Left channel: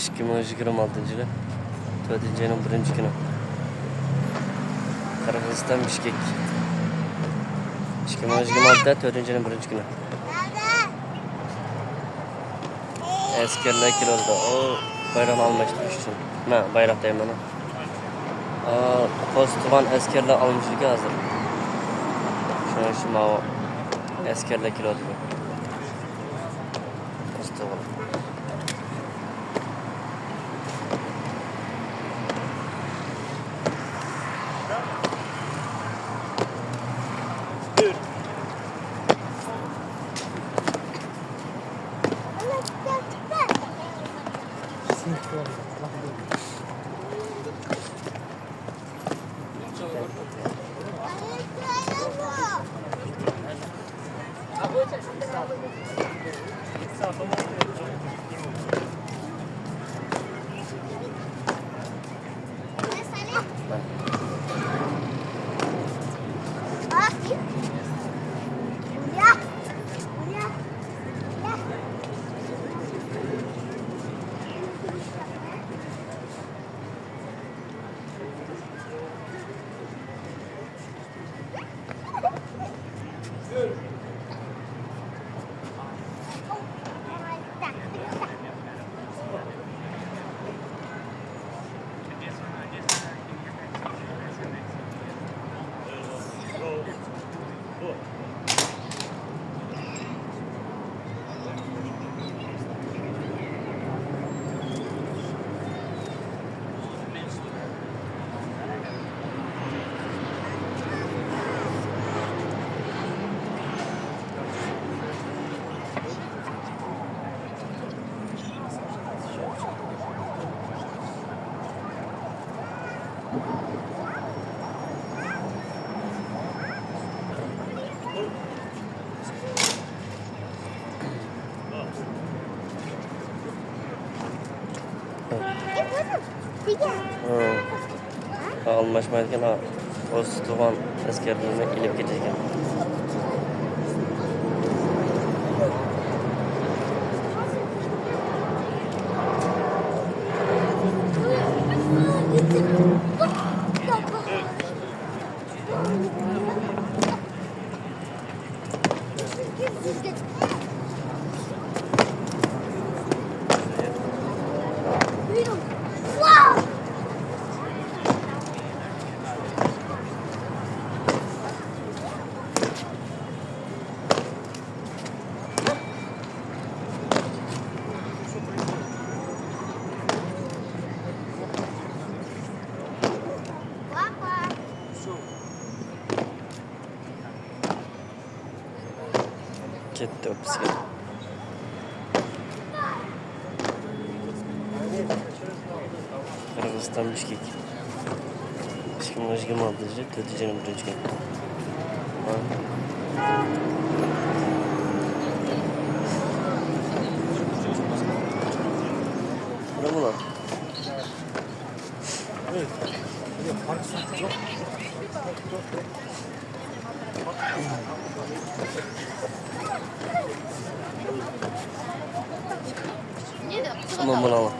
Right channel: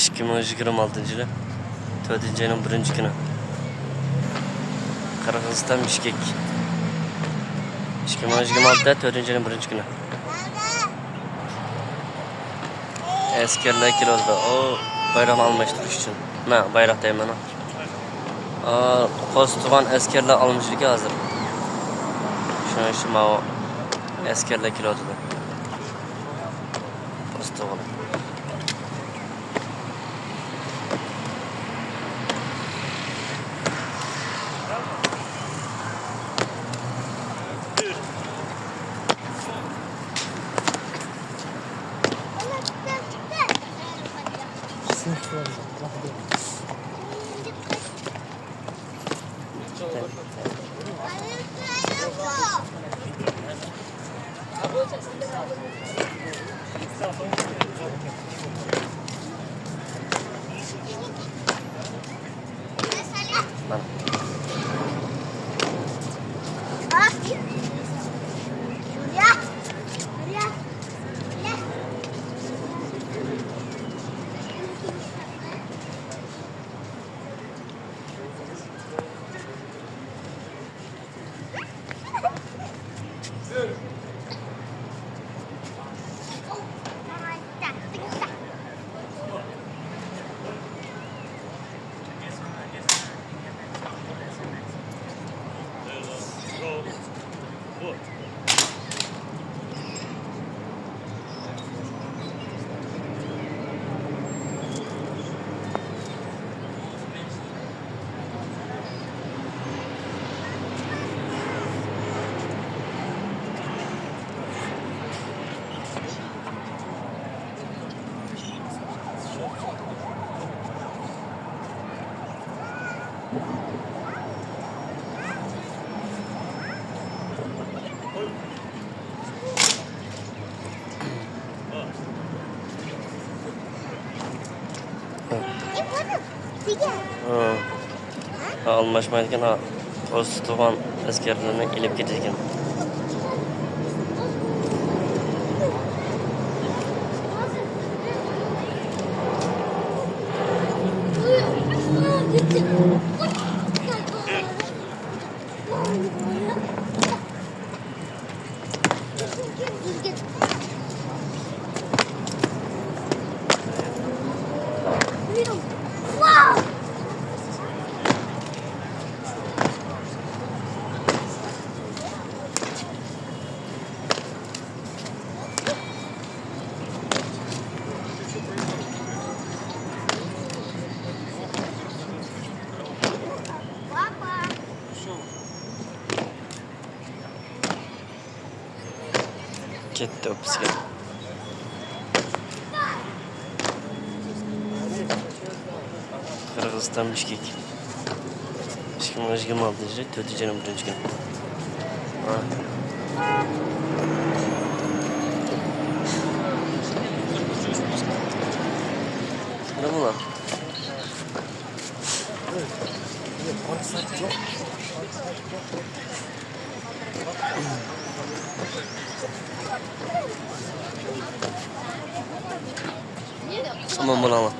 2026 yılı 4. ayının 1. günü Kırgızistan Bişkek 2026'da 4. ayının 1. günü askerler kilozda o bayram almıştırış için ben bayraktayım ben o postuğan askerler almışlık hazır şunu işte o askerler kilozda postuğan almışmayken postuğan askerlerine ilip getirken gitti o bisiklet. Kırgızistan Bişkek 2026 yılı 4. ayının 1. günü ne bunlar? Aman bunu alma.